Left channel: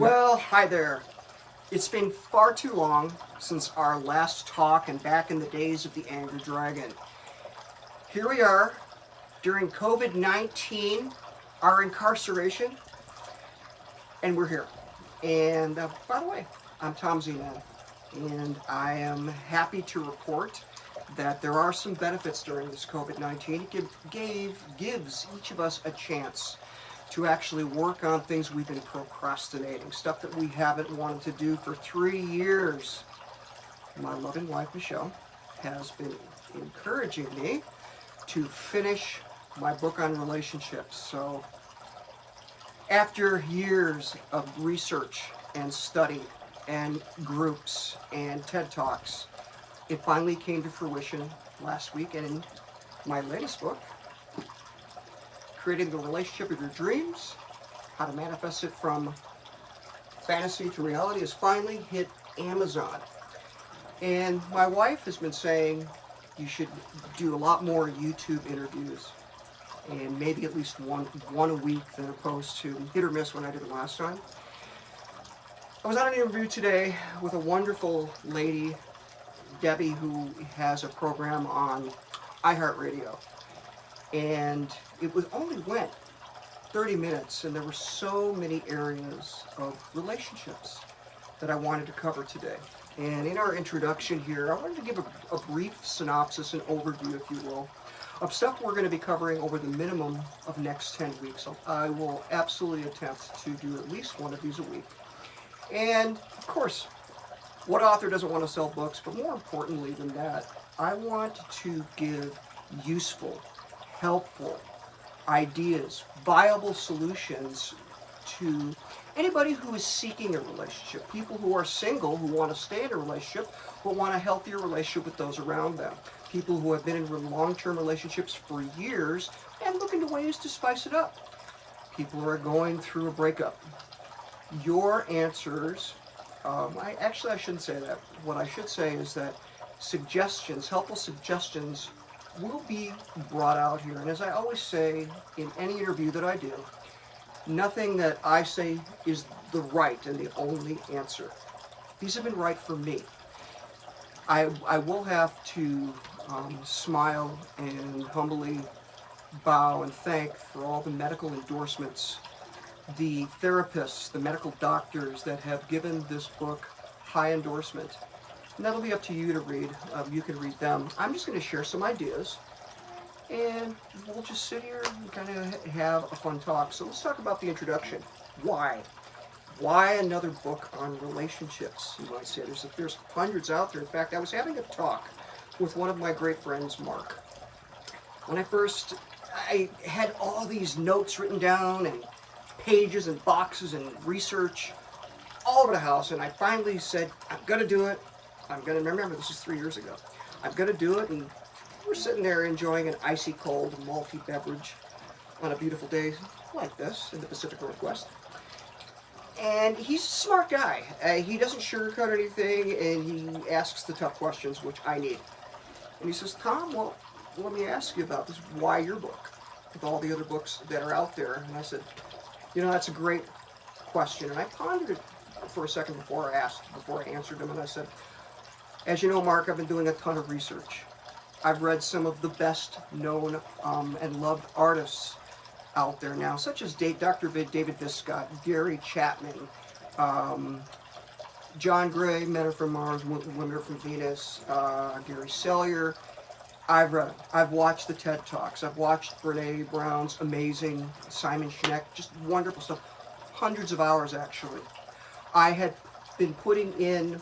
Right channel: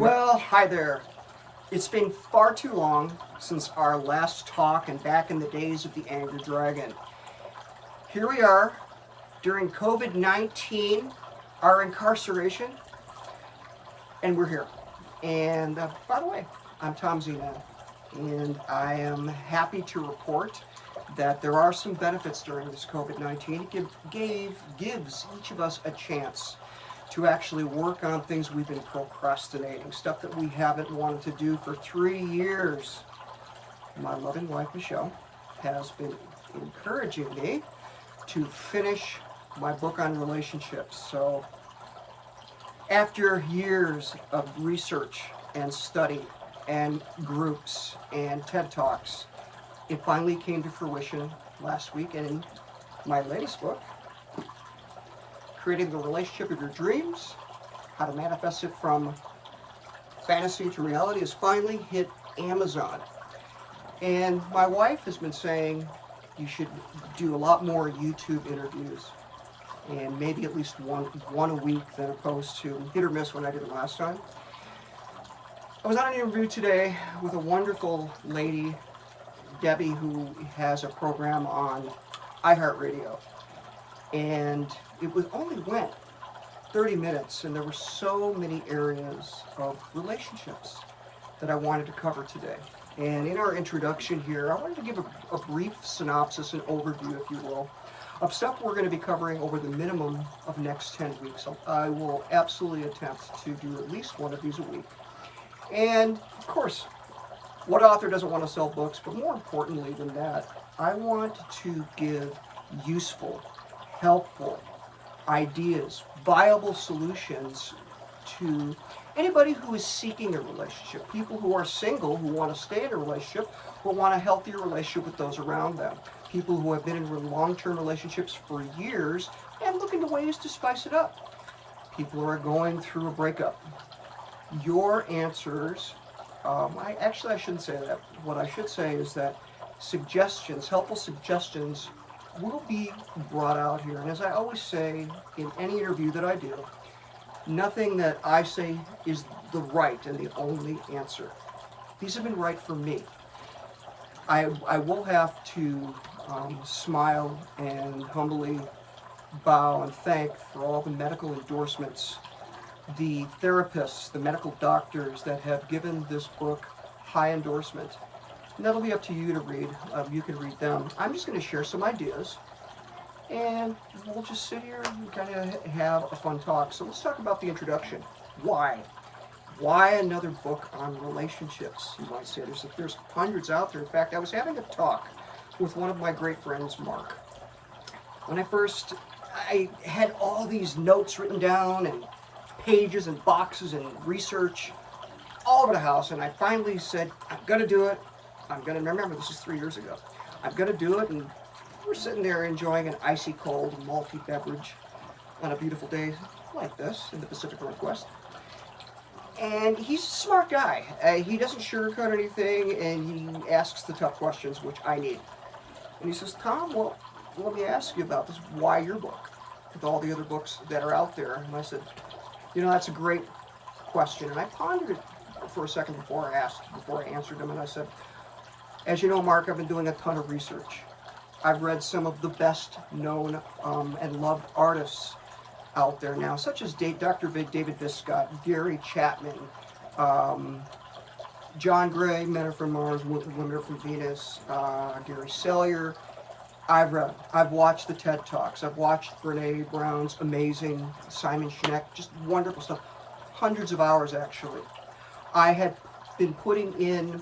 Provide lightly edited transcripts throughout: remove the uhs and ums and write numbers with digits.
Well, hi there. It's been far too long since our last talk and back in the days of the Angry Dragon. Here we are during COVID-19, our incarceration, and we're here. And by the way, I'm Tom Zeman, and I am happy to report that there are some benefits during this COVID-19. It gives each of us a chance to actually work on things we've been procrastinating, stuff that we haven't wanted to do for 3 years. My loving wife, Michelle, has been encouraging me to finish my book on relationships. So after years of research and study and groups and TED Talks, it finally came to fruition last week, and in my latest book, Creating the Relationship of Your Dreams, How to Manifest It from Fantasy to Reality, has finally hit Amazon. And my wife has been saying you should do a lot more YouTube interviews, and maybe at least one a week, than opposed to hit or miss when I did it last time. I was on an interview today with a wonderful lady, Debbie, who has a program on iHeartRadio. And it only went 30 minutes, and there were so many areas of relationships that I wanted to cover today. And in our introduction here, I wanted to give a brief synopsis and overview, if you will, of stuff we're going to be covering over the minimum of next 10 weeks. I will absolutely attempt to do at least one of these a week. And, of course, what author doesn't want to sell books? But more importantly than that, I want to give useful, helpful ideas, viable solutions to anybody who is seeking a relationship, people who are single, who want to stay in a relationship, but want a healthier relationship with those around them, people who have been in long-term relationships for years and looking to ways to spice it up, people who are going through a breakup. Your answers, I shouldn't say that. What I should say is that suggestions, helpful suggestions, will be brought out here. And as I always say in any interview that I do, nothing that I say is the right and the only answer. These have been right for me. I will have to smile and humbly bow and thank for all the medical endorsements, the therapists, the medical doctors that have given this book high endorsement. And that'll be up to you to read. You can read them. I'm just going to share some ideas, and we'll just sit here and kind of have a fun talk. So let's talk about the introduction. Why? Why another book on relationships, you might say? There's hundreds out there. In fact, I was having a talk with one of my great friends, Mark. When I had all these notes written down and pages and boxes and research all over the house, and I finally said, I'm going to do it. I'm going to remember, this is 3 years ago. I'm going to do it, and we're sitting there enjoying an icy cold malty beverage on a beautiful day like this in the Pacific Northwest. And he's a smart guy. He doesn't sugarcoat anything, and he asks the tough questions, which I need. And he says, Tom, well, let me ask you about this. Why your book with all the other books that are out there? And I said, that's a great question. And I pondered it for a second before I answered him, and I said, as you know, Mark, I've been doing a ton of research. I've read some of the best known and loved artists out there now, such as Dr. David Viscott, Gary Chapman, John Gray, Men Are From Mars, Women Are From Venus, Gary Sellier. I've watched the TED Talks. I've watched Brene Brown's amazing, Simon Sinek, just wonderful stuff. Hundreds of hours, actually. I had been putting in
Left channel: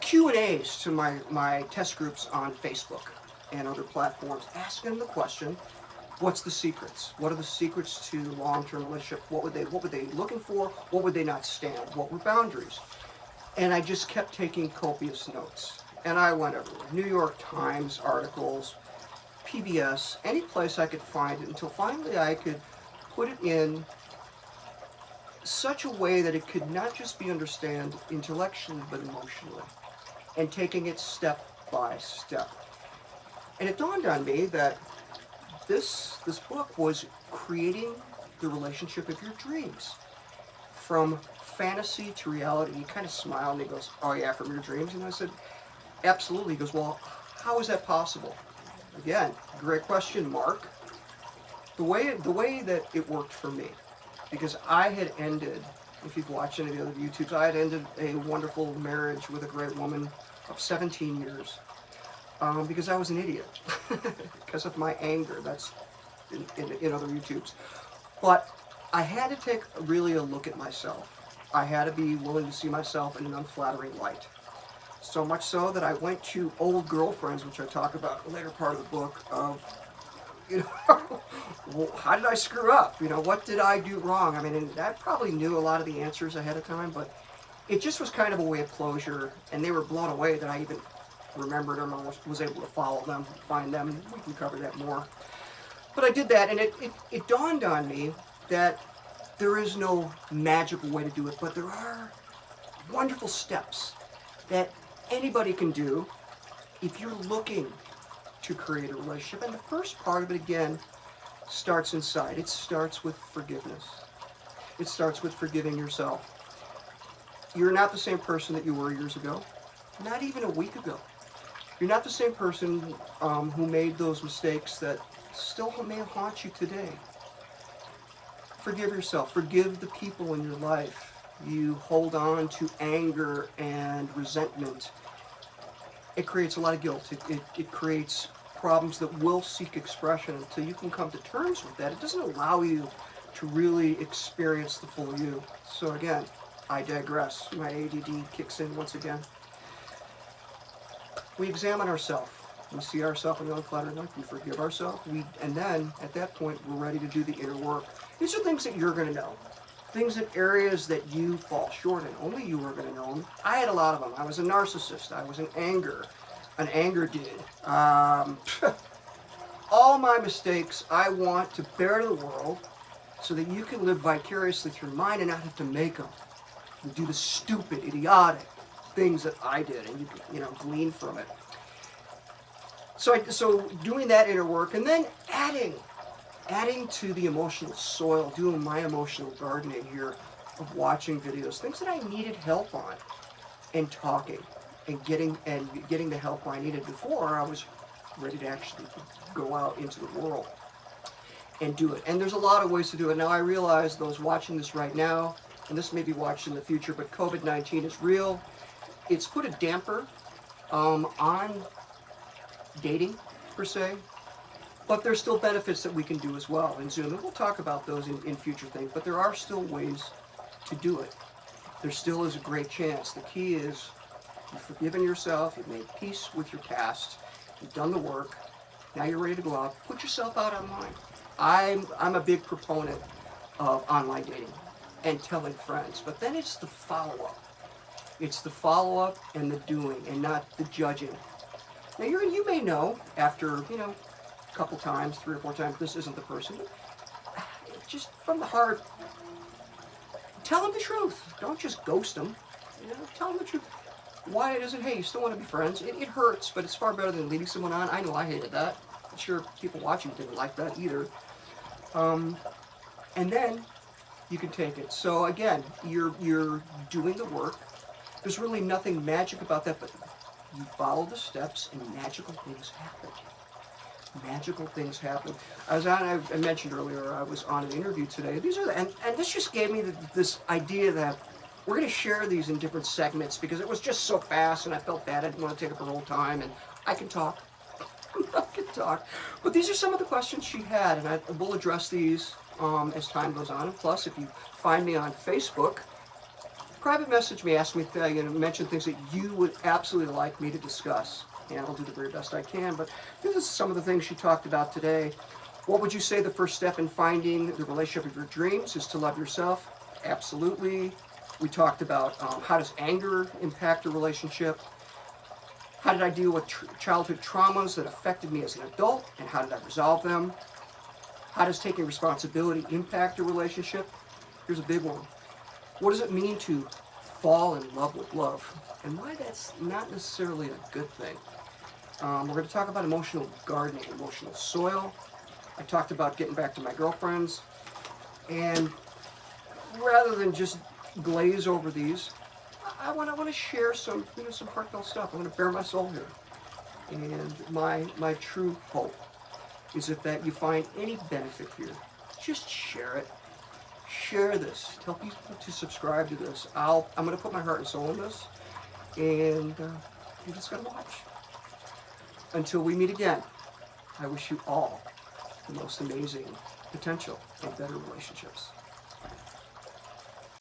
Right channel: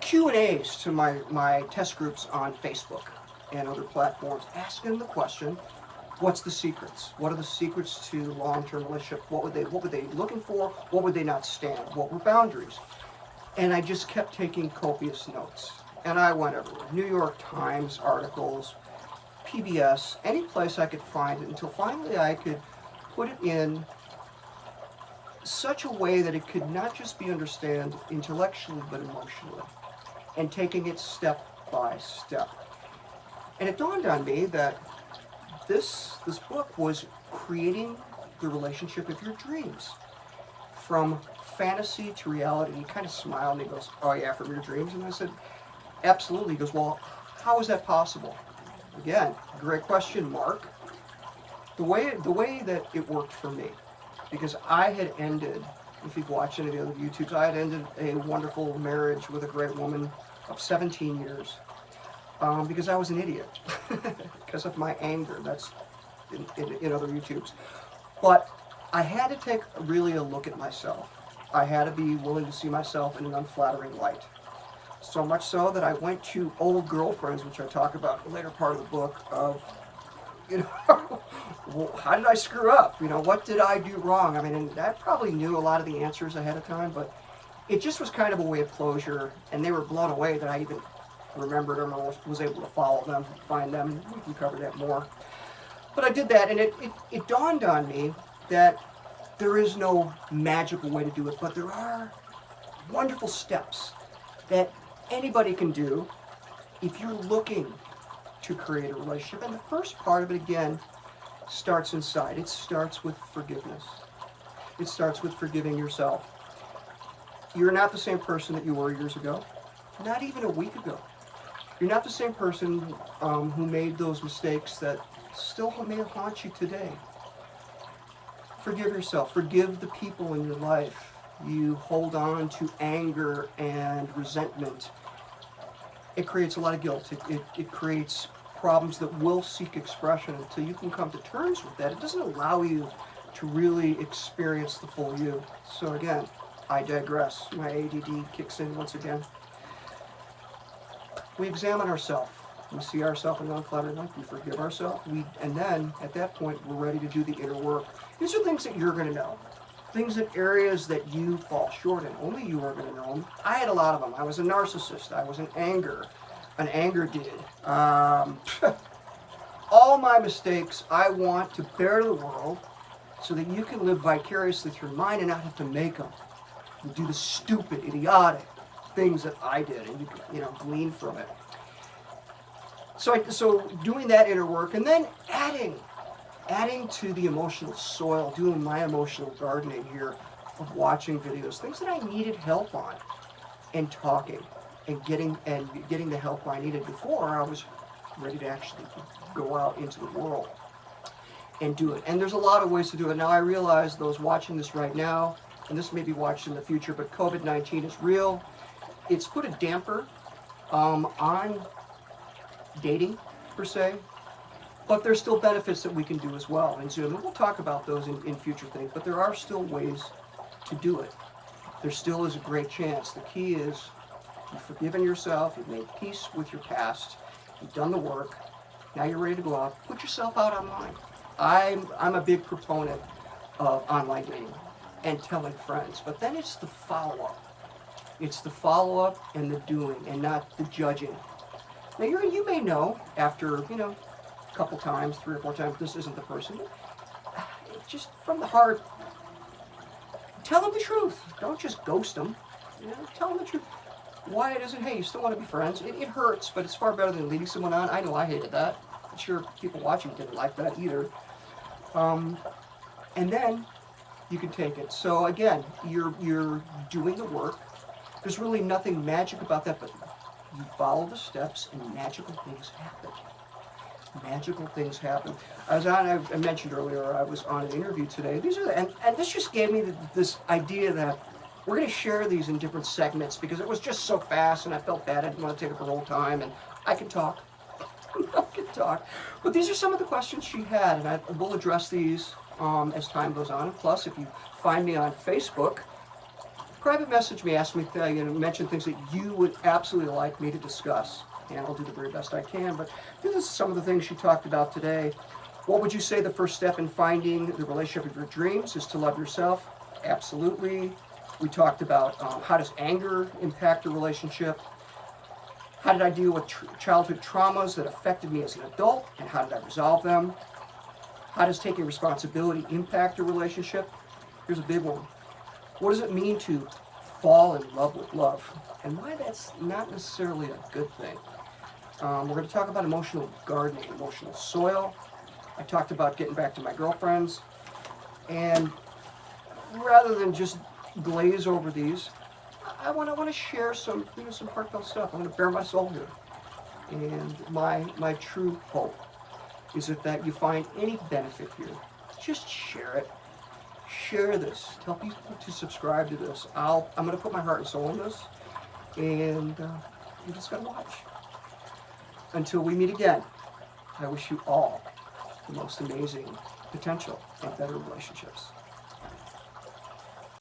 Q&As to my test groups on Facebook and other platforms, asking the question, what's the secrets? What are the secrets to long-term relationship? What were they looking for? What would they not stand? What were boundaries? And I just kept taking copious notes. And I went everywhere. New York Times articles, PBS, any place I could find it, until finally I could put it in such a way that it could not just be understood intellectually but emotionally, and taking it step by step. And it dawned on me that this book was creating the relationship of your dreams, from fantasy to reality. He kind of smiled and he goes, oh yeah, from your dreams? And I said, absolutely. He goes, well, how is that possible? Again, great question, Mark. The way that it worked for me, because I had ended, if you've watched any of the other YouTubes, I had ended a wonderful marriage with a great woman of 17 years because I was an idiot because of my anger. That's in other YouTubes. But I had to take really a look at myself. I had to be willing to see myself in an unflattering light. So much so that I went to old girlfriends, which I talk about in the later part of the book, of, you know, well, how did I screw up? You know, what did I do wrong? I mean, and I probably knew a lot of the answers ahead of time, but it just was kind of a way of closure, and they were blown away that I even remembered them or was able to follow them, find them, and we can cover that more. But I did that, and it dawned on me that there is no magical way to do it, but there are wonderful steps that anybody can do if you're looking to create a relationship. And the first part of it, again, starts inside. It starts with forgiveness. It starts with forgiving yourself. You're not the same person that you were years ago, not even a week ago. You're not the same person who made those mistakes that still may haunt you today. Forgive yourself. Forgive the people in your life. You hold on to anger and resentment. It creates a lot of guilt. It creates problems that will seek expression until you can come to terms with that. It doesn't allow you to really experience the full you. So again, I digress. My ADD kicks in once again. We examine ourselves. We see ourselves in an unflattering light. We forgive ourselves. And then, at that point, we're ready to do the inner work. These are things that you're going to know. Things in areas that you fall short in. Only you are going to know them. I had a lot of them. I was a narcissist. I was an anger dude. All my mistakes I want to bear to the world so that you can live vicariously through mine and not have to make them. You do the stupid, idiotic things that I did, and you can, glean from it. So doing that inner work, and then adding to the emotional soil, doing my emotional gardening here of watching videos, things that I needed help on, and talking, and getting the help I needed before I was ready to actually go out into the world and do it. And there's a lot of ways to do it. Now I realize those watching this right now, and this may be watched in the future, but COVID-19 is real. It's put a damper on dating, per se, but there's still benefits that we can do as well in Zoom, and we'll talk about those in future things, but there are still ways to do it. There still is a great chance. The key is you've forgiven yourself, you've made peace with your past, you've done the work, now you're ready to go out, put yourself out online. I'm a big proponent of online dating and telling friends, but then it's the follow-up. It's the follow-up and the doing, and not the judging. Now you may know after, a couple times, 3 or 4 times, this isn't the person. Just from the heart, tell them the truth. Don't just ghost them. Tell them the truth. Why it isn't, hey, you still want to be friends. It hurts, but it's far better than leading someone on. I know I hated that. I'm sure people watching didn't like that either. And then you can take it. So again, you're doing the work. There's really nothing magic about that, but you follow the steps and magical things happen. Magical things happen. I mentioned earlier, I was on an interview today. And this just gave me this idea that we're going to share these in different segments because it was just so fast and I felt bad. I didn't want to take up her whole time, and I can talk. I can talk. But these are some of the questions she had, and I will address these as time goes on. And plus, if you find me on Facebook, private message me, ask me, mention things that you would absolutely like me to discuss, and I'll do the very best I can. But this is some of the things she talked about today. What would you say the first step in finding the relationship of your dreams is to love yourself? Absolutely. We talked about how does anger impact a relationship? How did I deal with childhood traumas that affected me as an adult, and how did I resolve them? How does taking responsibility impact a relationship? Here's a big one. What does it mean to fall in love with love? And why that's not necessarily a good thing. We're going to talk about emotional gardening, emotional soil. I talked about getting back to my girlfriends. And rather than just glaze over these. I want to share some, some heartfelt stuff. I'm going to bare my soul here. And my true hope is that you find any benefit here, just share it. Share this. Tell people to subscribe to this. I'm going to put my heart and soul in this, and you just got to watch. Until we meet again, I wish you all the most amazing potential and better relationships.